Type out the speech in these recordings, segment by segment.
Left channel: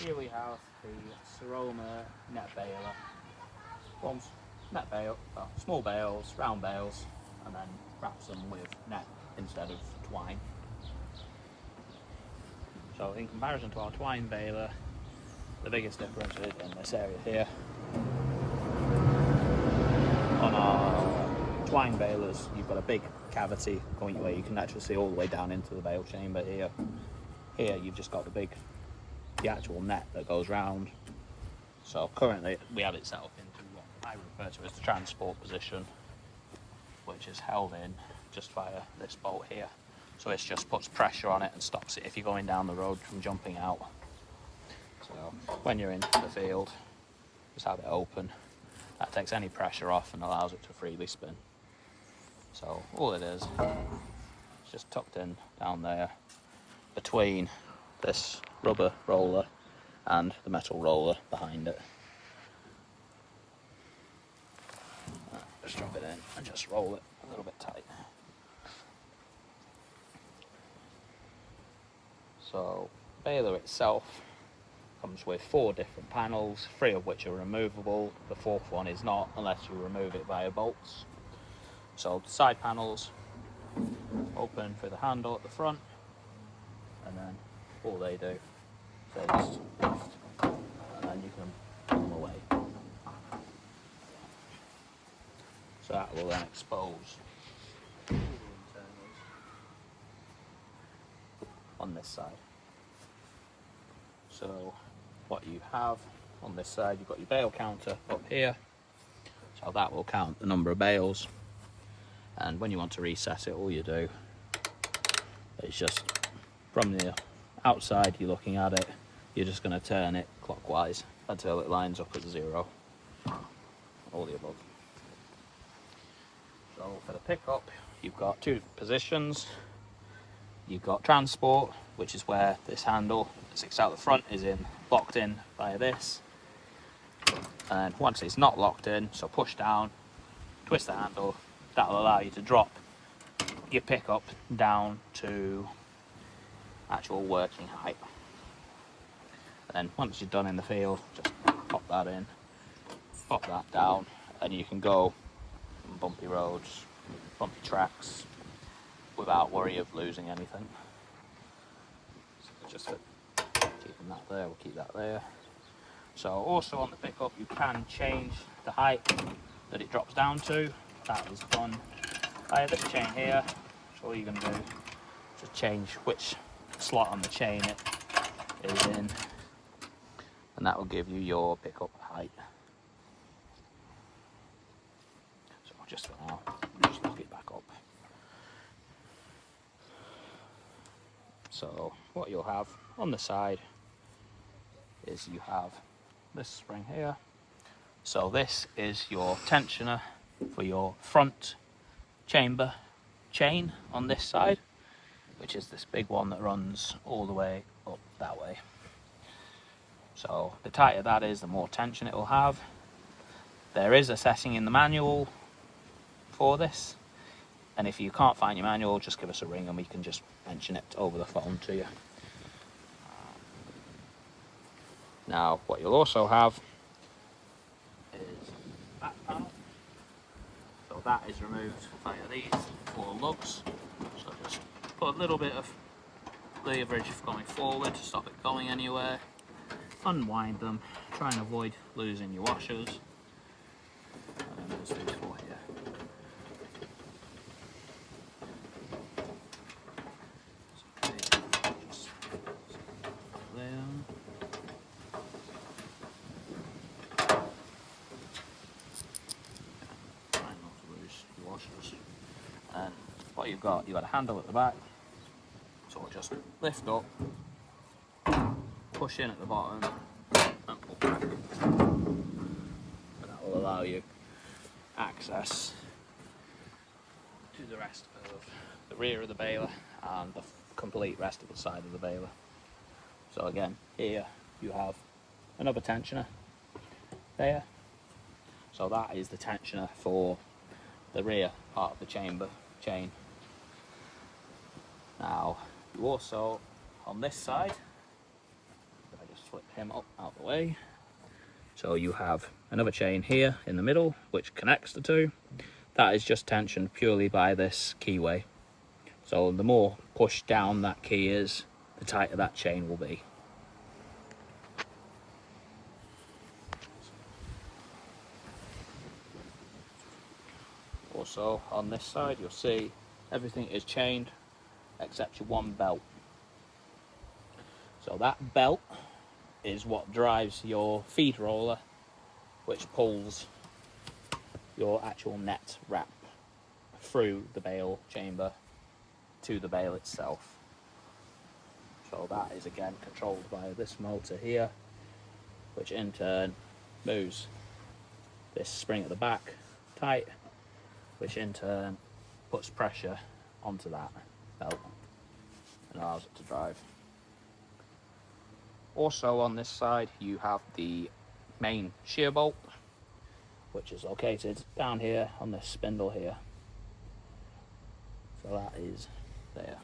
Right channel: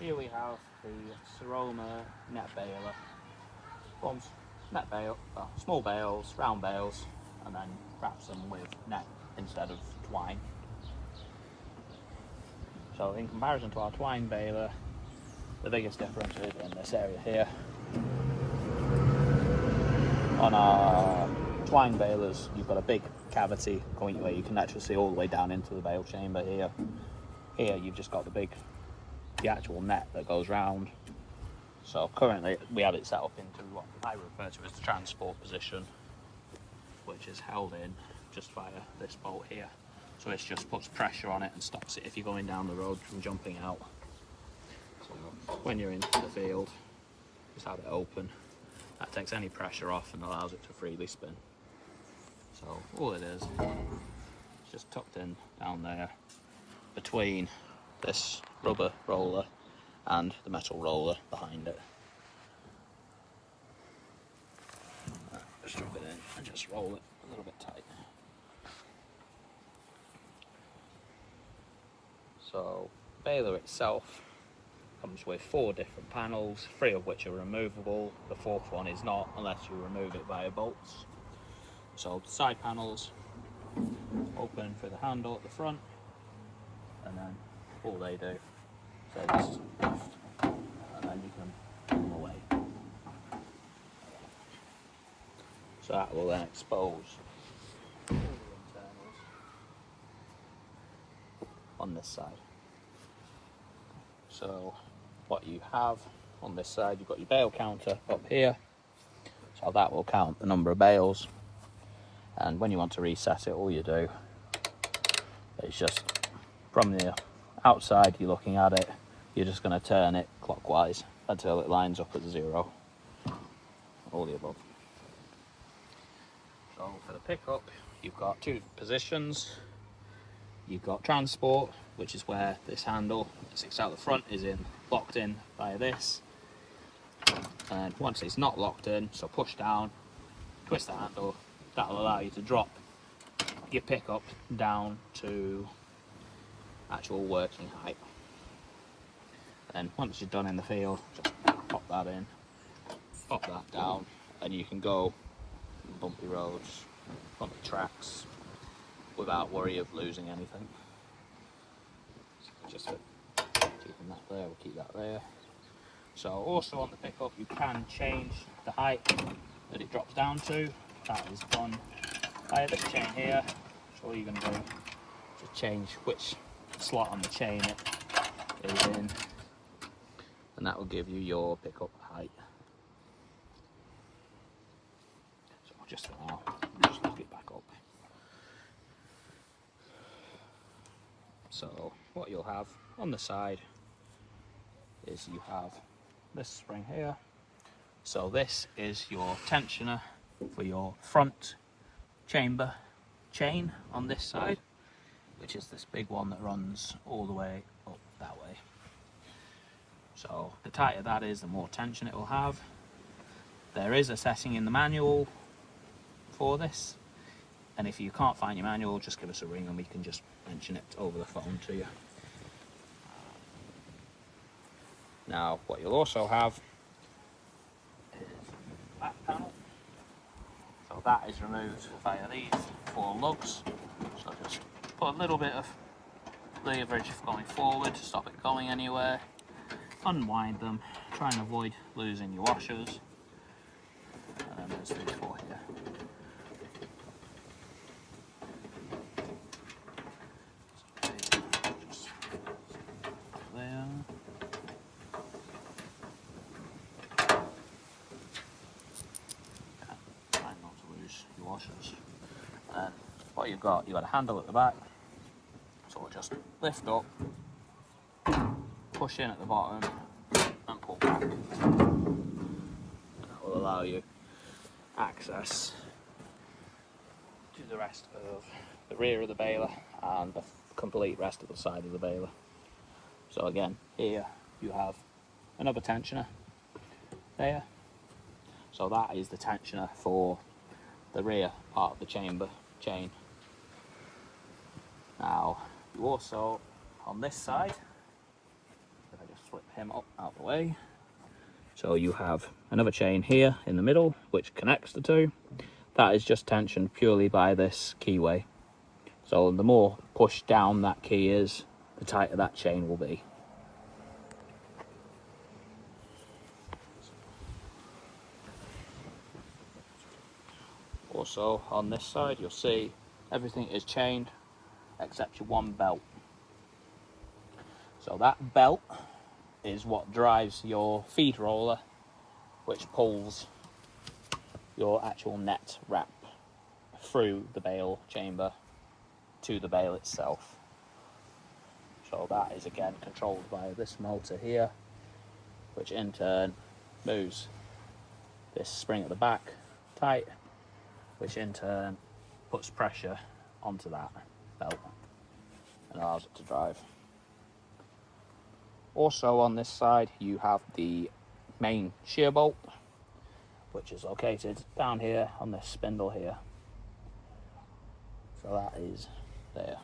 here we have the Siromer net baler. Forms net bale, small bales, round bales, and then wraps them with net instead of twine. So in comparison to our twine baler, the biggest difference is in this area here. On our twine balers, you've got a big cavity going where you can actually see all the way down into the bale chamber here. Here you've just got the actual net that goes round. So currently we have it set up into what I refer to as the transport position, which is held in just via this bolt here. So it just puts pressure on it and stops it if you're going down the road from jumping out. So when you're in the field, just have it open. That takes any pressure off and allows it to freely spin. So all it is, it's just tucked in down there between this rubber roller and the metal roller behind it. Just drop it in and just roll it a little bit tight. So the baler itself comes with 4 different panels, 3 of which are removable. The 4th one is not, unless you remove it via bolts. So the side panels open through the handle at the front, and then all they do is just lift, and then you can pull them away. So that will then expose the internals on this side. So what you have on this side, you've got your bale counter up here, so that will count the number of bales, and when you want to reset it, all you do is just from the outside, you're looking at it, you're just going to turn it clockwise until it lines up at 0, all the above. So for the pickup, you've got 2 positions. You've got transport, which is where this handle that sticks out the front is locked in via this. And once it's not locked in, so push down, twist the handle, that will allow you to drop your pickup down to actual working height. And then once you're done in the field, just pop that in, pop that down, and you can go on bumpy roads, bumpy tracks, without worry of losing anything. So just keeping that there, we'll keep that there. So also on the pickup, you can change the height that it drops down to. That is done via this chain here. So all you're going to do is just change which slot on the chain it is in, and that will give you your pickup height. So just for now, just lock it back up. So what you'll have on the side is you have this spring here. So this is your tensioner for your front chamber chain on this side, which is this big one that runs all the way up that way. So the tighter that is, the more tension it will have. There is a setting in the manual for this, and if you can't find your manual, just give us a ring and we can just mention it over the phone to you. Now what you'll also have is the back panel. So that is removed via these 4 lugs. So just put a little bit of leverage going forward to stop it going anywhere. Unwind them, try and avoid losing your washers. And then there's these 4 here. And what you've got a handle at the back, so it'll just lift up, push in at the bottom, and pull back. And that will allow you access to the rest of the rear of the baler and the complete rest of the side of the baler. So again, here you have another tensioner there. So that is the tensioner for the rear part of the chamber chain. Now you also, on this side, if I just flip him up out of the way. So you have another chain here in the middle, which connects the two. That is just tensioned purely by this keyway. So the more pushed down that key is, the tighter that chain will be. Also on this side you'll see everything is chained except your one belt. So that belt is what drives your feed roller, which pulls your actual net wrap through the bale chamber to the bale itself. So that is again controlled by this motor here, which in turn moves this spring at the back tight, which in turn puts pressure onto that belt and allows it to drive. Also on this side you have the main shear bolt, which is located down here on this spindle here. So that is there.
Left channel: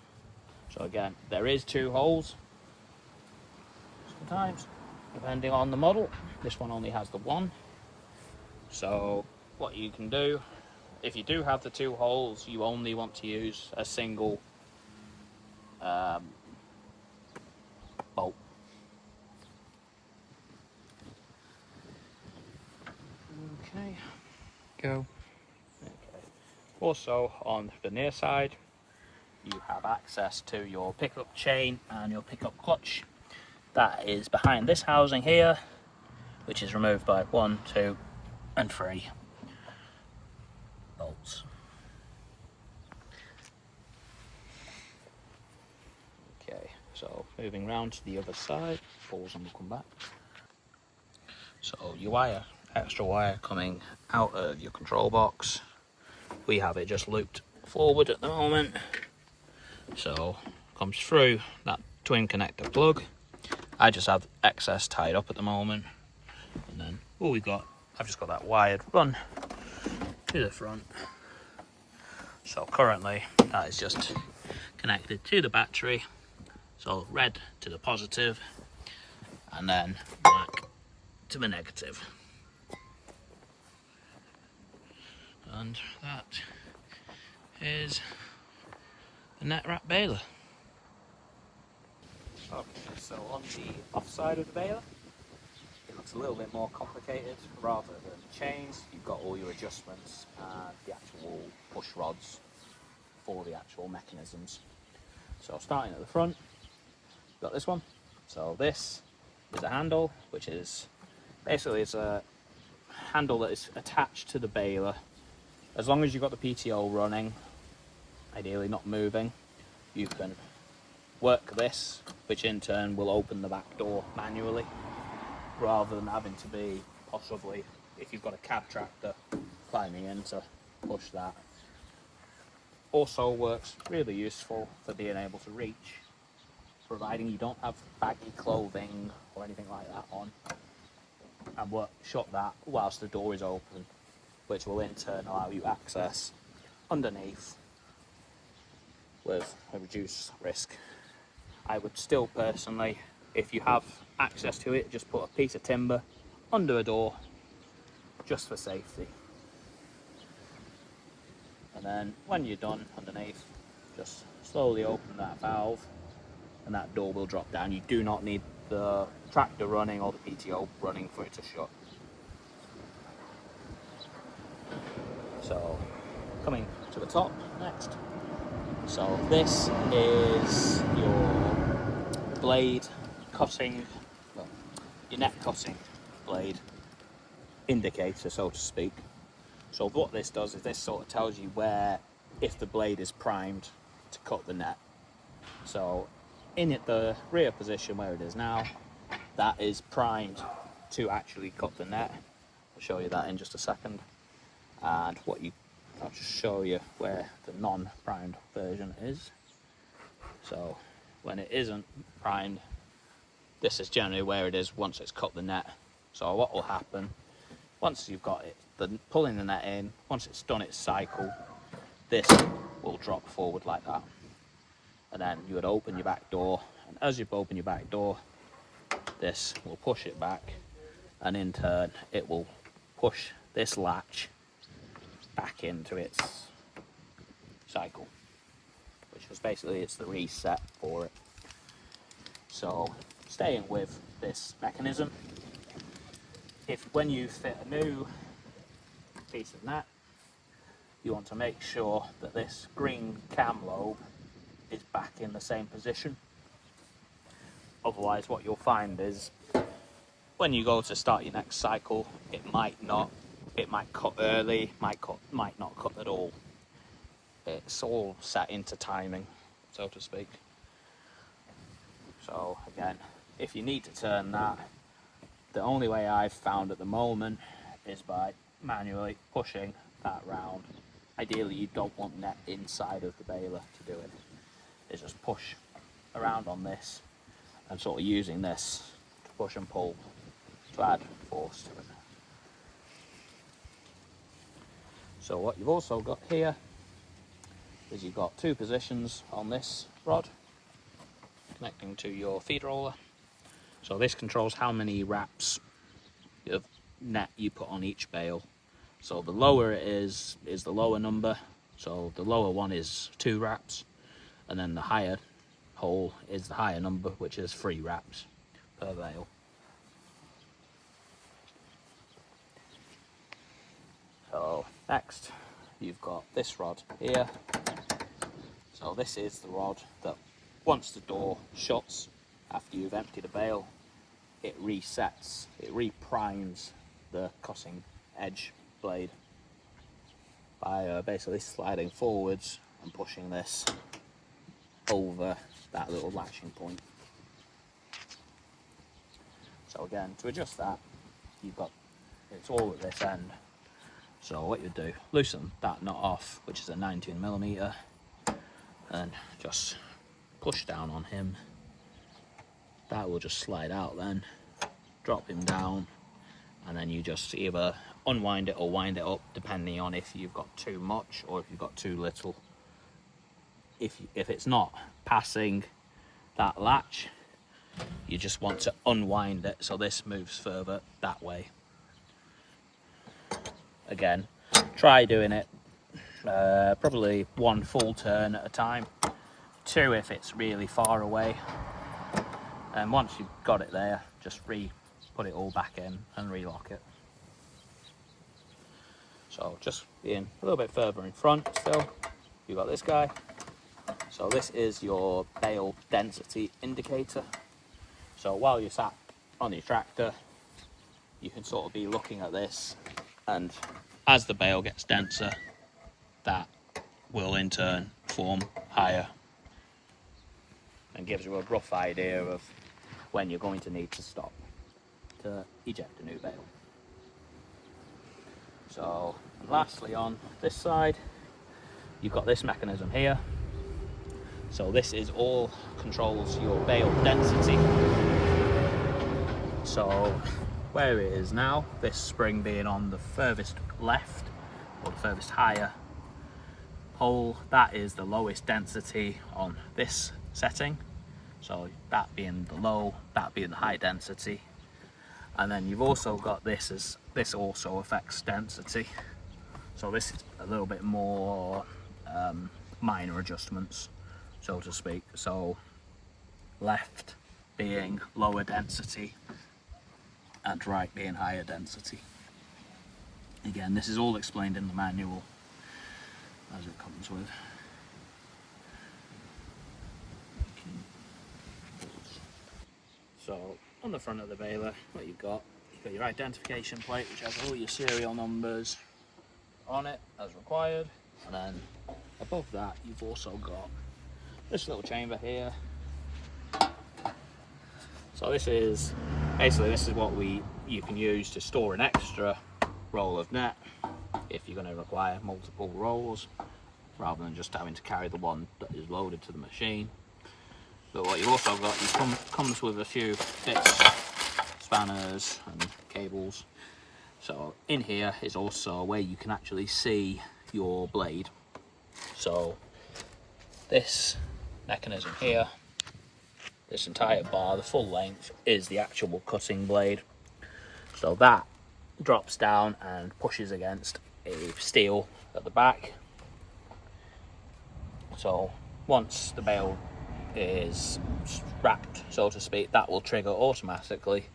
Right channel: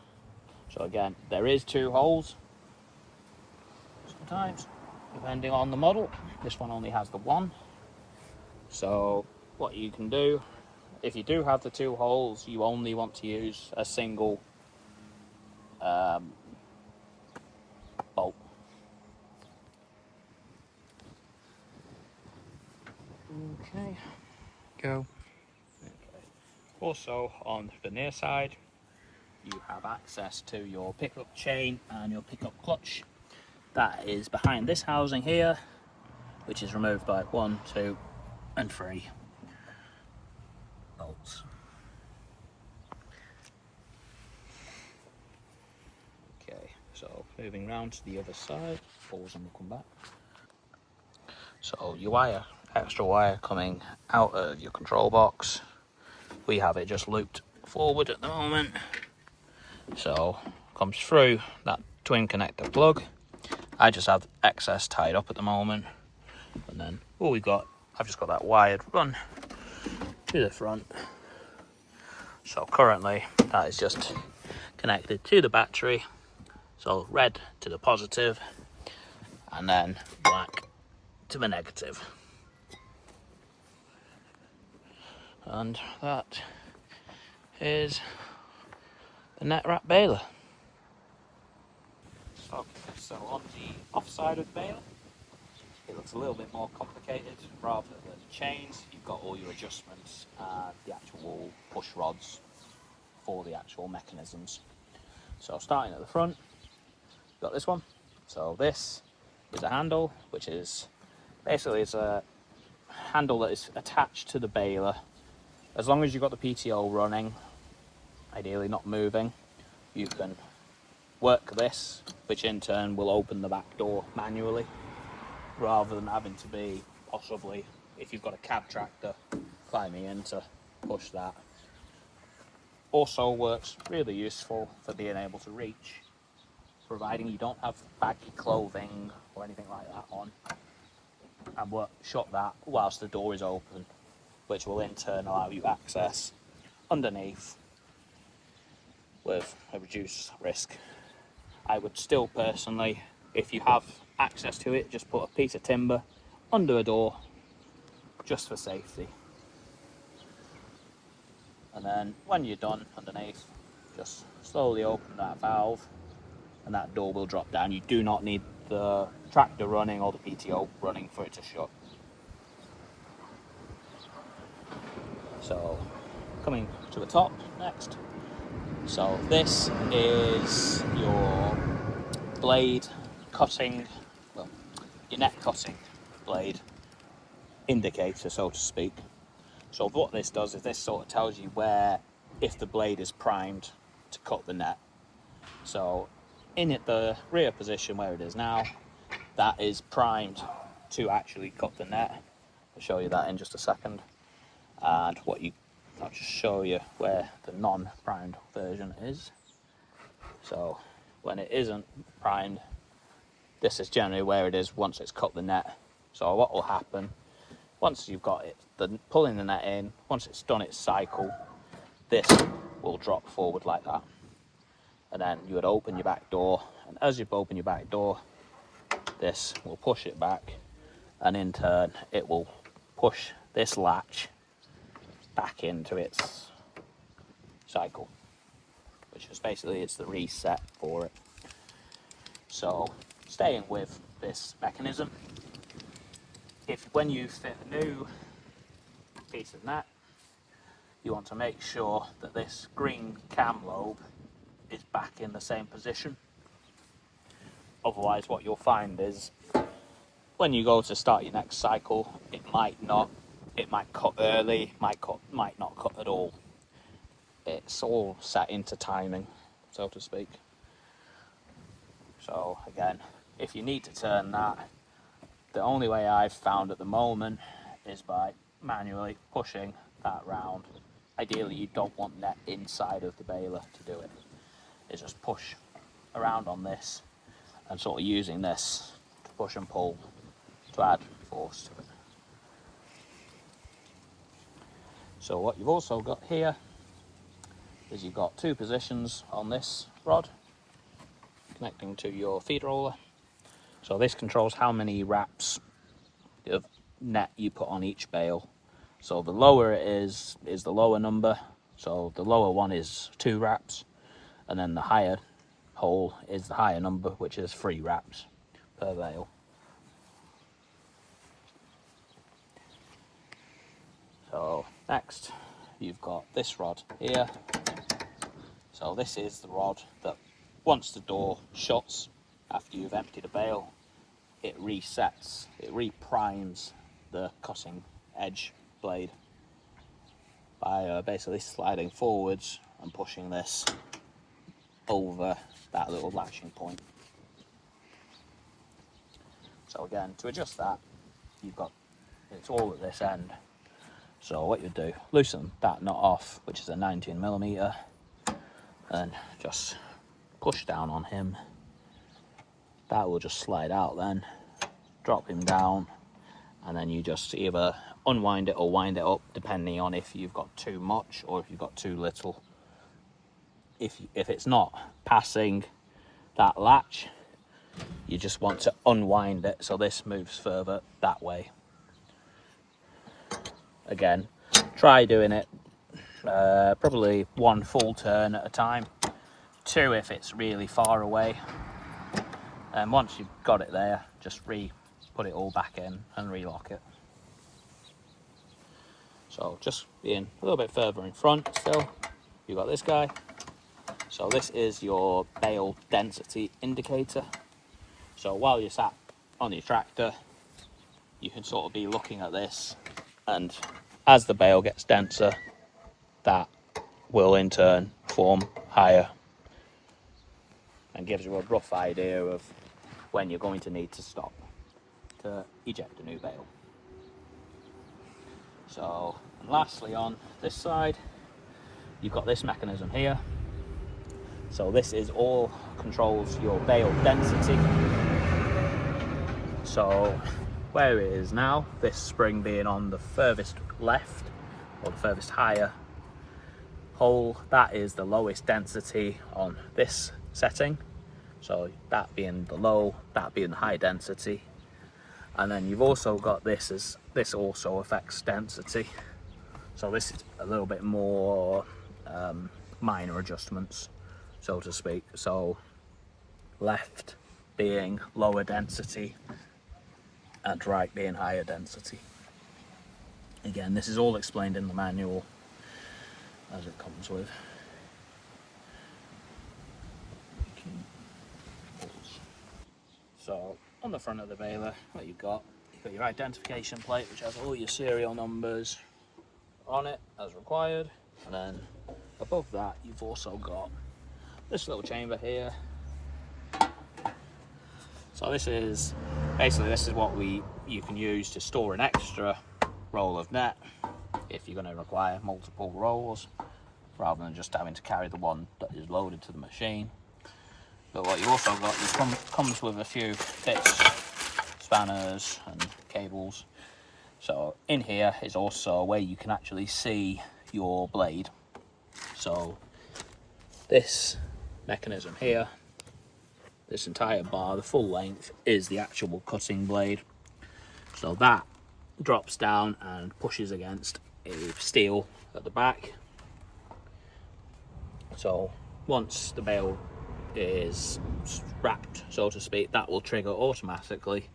So again, there is 2 holes. Sometimes, depending on the model, this one only has the 1. So what you can do, if you do have the 2 holes, you only want to use a single bolt. Okay, go. Okay. Also on the near side, you have access to your pickup chain and your pickup clutch. That is behind this housing here, which is removed by 1, 2, and 3 bolts. Okay, so moving round to the other side, pause and we'll come back. So your wire, extra wire coming out of your control box. We have it just looped forward at the moment. So comes through that twin connector plug. I just have excess tied up at the moment, and then all we've got, I've just got that wired run to the front. So currently that is just connected to the battery. So red to the positive, and then black to the negative. And that is the net wrap baler. Okay, so on the off side of the baler, it's a little bit more complicated. Rather than chains, you've got all your adjustments and the actual push rods for the actual mechanisms. So starting at the front, you've got this one. So this is a handle, which is basically it's a handle that is attached to the baler. As long as you've got the PTO running, ideally not moving, you can work this, which in turn will open the back door manually, rather than having to be possibly, if you've got a cab tractor, climbing in to push that. Also works really useful for being able to reach, providing you don't have baggy clothing or anything like that on, and shut that whilst the door is open, which will in turn allow you access underneath with a reduced risk. I would still personally, if you have access to it, just put a piece of timber under a door just for safety. And then when you're done underneath, just slowly open that valve and that door will drop down. You do not need the tractor running or the PTO running for it to shut. So coming to the top next. So this is your blade cutting, well, your net cutting blade indicator, so to speak. So what this does is this sort of tells you where, if the blade is primed to cut the net. So in the rear position where it is now, that is primed to actually cut the net. I'll show you that in just a second. And I'll just show you where the non-primed version is. So when it isn't primed, this is generally where it is once it's cut the net. So what will happen, once you've got it, pulling the net in, once it's done its cycle, this will drop forward like that. And then you would open your back door, and as you open your back door, this will push it back, and in turn it will push this latch back into its cycle, which is basically it's the reset for it. So staying with this mechanism, if when you fit a new piece of net, you want to make sure that this green cam lobe is back in the same position. Otherwise what you'll find is when you go to start your next cycle, it might cut early, might not cut at all. It's all set into timing, so to speak. So again, if you need to turn that, the only way I've found at the moment is by manually pushing that round. Ideally you don't want net inside of the baler to do it. Is just push around on this and sort of using this to push and pull to add force to it. So what you've also got here is you've got two positions on this rod connecting to your feed roller. So this controls how many wraps of net you put on each bale. So the lower it is the lower number. So the lower one is 2 wraps, and then the higher hole is the higher number, which is 3 wraps per bale. So next you've got this rod here. So this is the rod that once the door shuts after you've emptied a bale, it resets, it reprimes the cutting edge blade by basically sliding forwards and pushing this over that little latching point. So again, to adjust that, it's all at this end. So what you do, loosen that nut off, which is a 19mm, and just push down on him. That will just slide out then, drop him down, and then you just either unwind it or wind it up, depending on if you've got too much or if you've got too little. If it's not passing that latch, you just want to unwind it so this moves further that way. Again, try doing it probably 1 full turn at a time, 2 if it's really far away, and once you've got it there, just put it all back in and relock it. So just being a little bit further in front still, you've got this guy. So this is your bale density indicator. So while you're sat on your tractor, you can sort of be looking at this, and as the bale gets denser, that will in turn form higher and gives you a rough idea of when you're going to need to stop to eject a new bale. So, and lastly on this side, you've got this mechanism here. So this is all controls your bale density. So where it is now, this spring being on the furthest left, or the furthest higher pole, that is the lowest density on this setting. So that being the low, that being the high density. And then you've also got this also affects density. So this is a little bit more minor adjustments, so to speak. So left being lower density and right being higher density. Again, this is all explained in the manual as it comes with. So on the front of the baler, what you've got your identification plate, which has all your serial numbers on it as required, and then above that you've also got this little chamber here. So this is what you can use to store an extra roll of net if you're going to require multiple rolls, rather than just having to carry the one that is loaded to the machine. But what you also got, comes with a few bits, spanners and cables. So in here is also where you can actually see your blade. So this mechanism here this entire bar, the full length, is the actual cutting blade. So that drops down and pushes against a steel at the back. So once the bale is wrapped, so to speak, that will trigger automatically.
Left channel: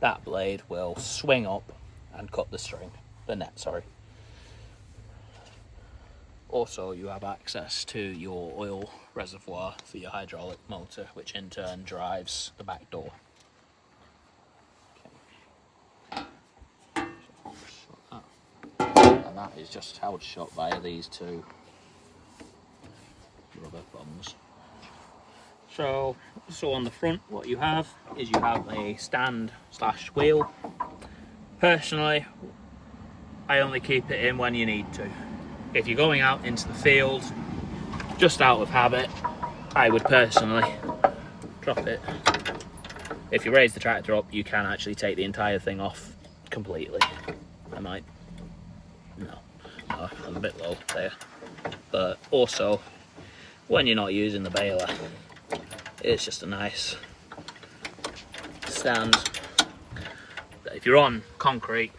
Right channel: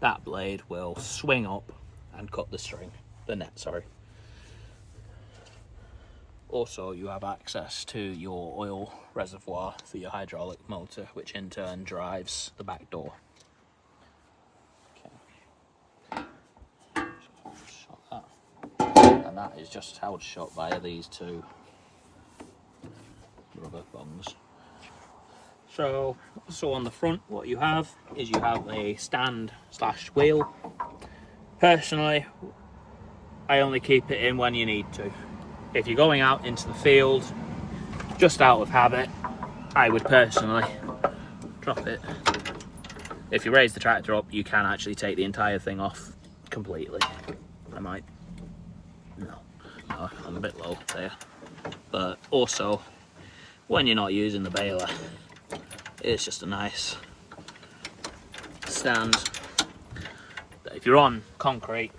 That blade will swing up and cut the net, sorry. Also, you have access to your oil reservoir for your hydraulic motor, which in turn drives the back door. Okay. So and that is just held shut by these two rubber bungs. So on the front, what you have is you have a stand / wheel. Personally, I only keep it in when you need to. If you're going out into the field, just out of habit, I would personally drop it. If you raise the tractor up, you can actually take the entire thing off completely. No, I'm a bit low there. But also, when you're not using the baler, it's just a nice stand. If you're on concrete,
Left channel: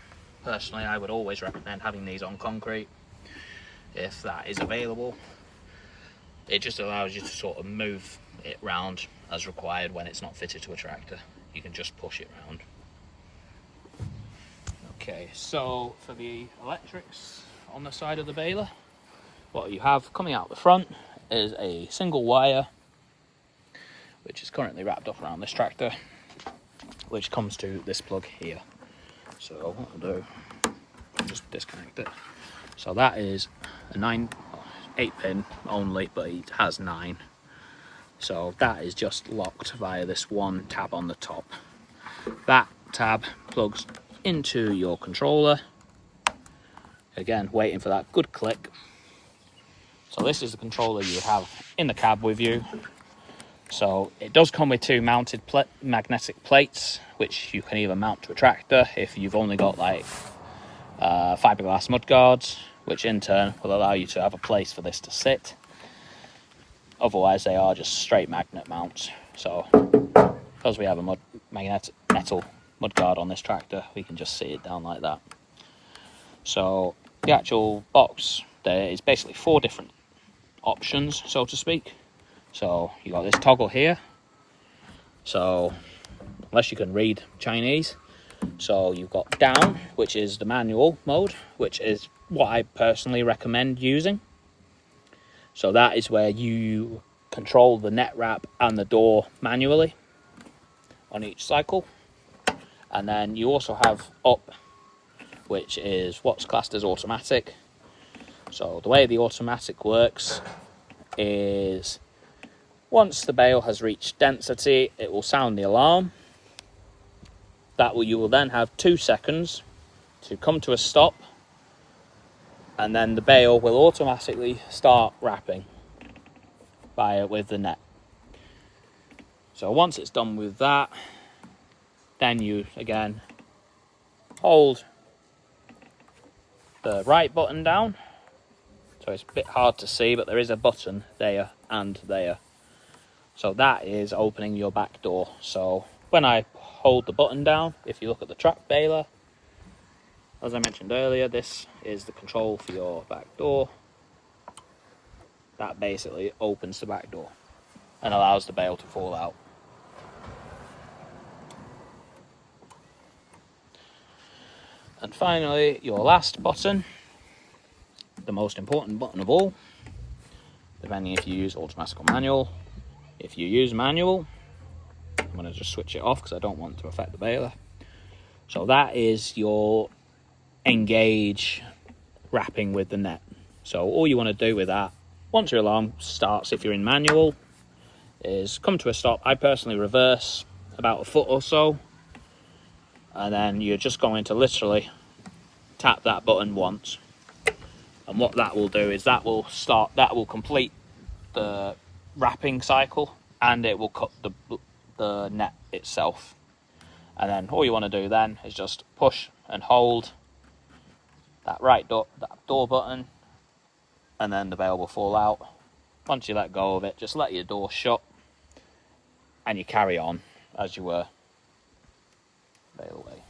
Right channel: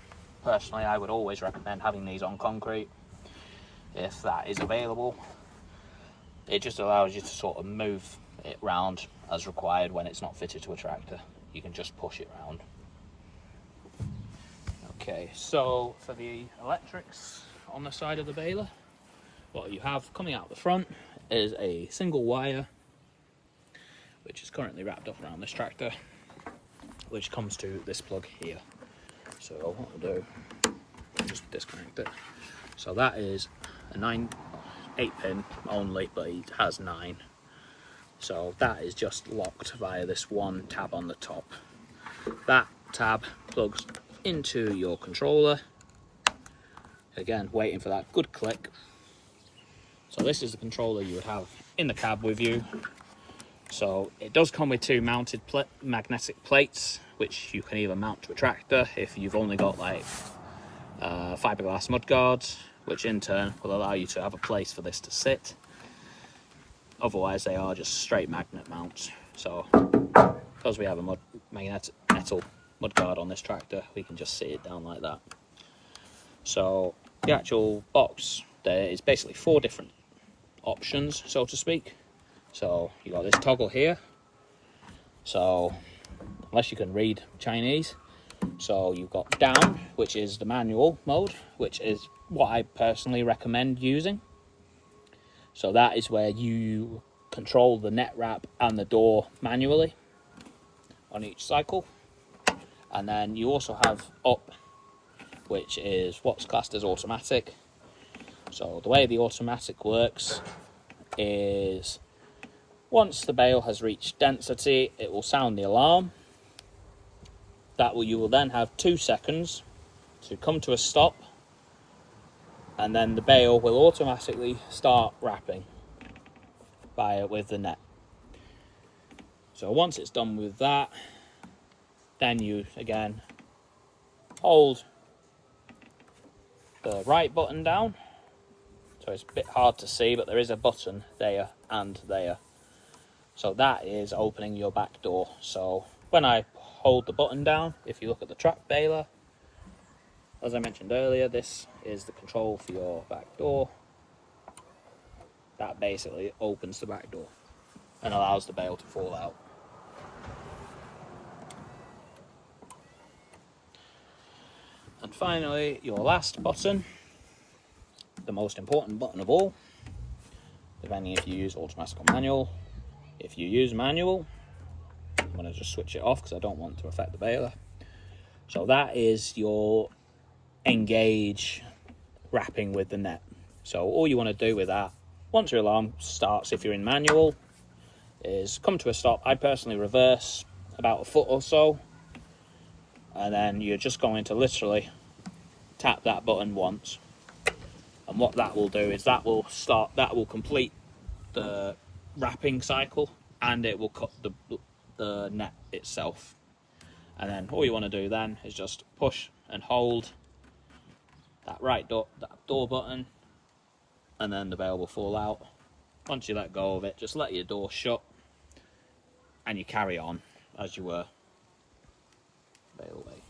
personally, I would always recommend having these on concrete if that is available. It just allows you to sort of move it round as required when it's not fitted to a tractor. You can just push it round. Okay, so for the electrics on the side of the baler, what you have coming out the front is a single wire, which is currently wrapped up around this tractor, which comes to this plug here. So what I'll do, I'll just disconnect it. So that is a 8-pin only, but it has 9. So that is just locked via this one tab on the top. That tab plugs into your controller. Again, waiting for that good click. So this is the controller you have in the cab with you. So it does come with 2 mounted magnetic plates, which you can either mount to a tractor if you've only got like fiberglass mudguards, which in turn will allow you to have a place for this to sit. Otherwise they are just straight magnet mounts. So because we have a metal mudguard on this tractor, we can just sit it down like that. So the actual box, there is basically 4 different options, so to speak. So you got this toggle here. So unless you can read Chinese, so you've got down, which is the manual mode, which is what I personally recommend using. So that is where you control the net wrap and the door manually on each cycle. And then you also have up, which is what's classed as automatic. So the way the automatic works is once the bale has reached density, it will sound the alarm. You will then have 2 seconds to come to a stop, and then the bale will automatically start wrapping with the net. So once it's done with that, then you again hold the right button down. So it's a bit hard to see, but there is a button there and there. So that is opening your back door. So when I hold the button down, if you look at the track baler, as I mentioned earlier, this is the control for your back door. That basically opens the back door and allows the bale to fall out. And finally, your last button, the most important button of all, depending if you use automatic or manual. If you use manual, I'm going to just switch it off because I don't want to affect the baler. So that is your engage wrapping with the net. So all you want to do with that, once your alarm starts, if you're in manual, is come to a stop. I personally reverse about a foot or so, and then you're just going to literally tap that button once. And what that will do is that will complete the wrapping cycle, and it will cut the net itself. And then all you want to do then is just push and hold that door button, and then the bale will fall out. Once you let go of it, just let your door shut, and you carry on as you were bale away.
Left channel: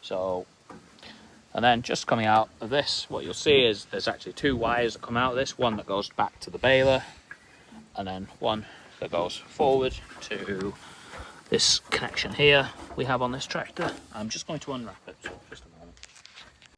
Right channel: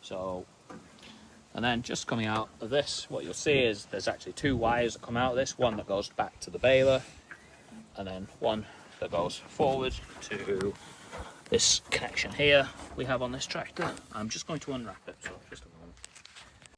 So, and then just coming out of this, what you'll see is there's actually 2 wires that come out of this, one that goes back to the baler, and then one that goes forward to this connection here we have on this tractor. I'm just going to unwrap it.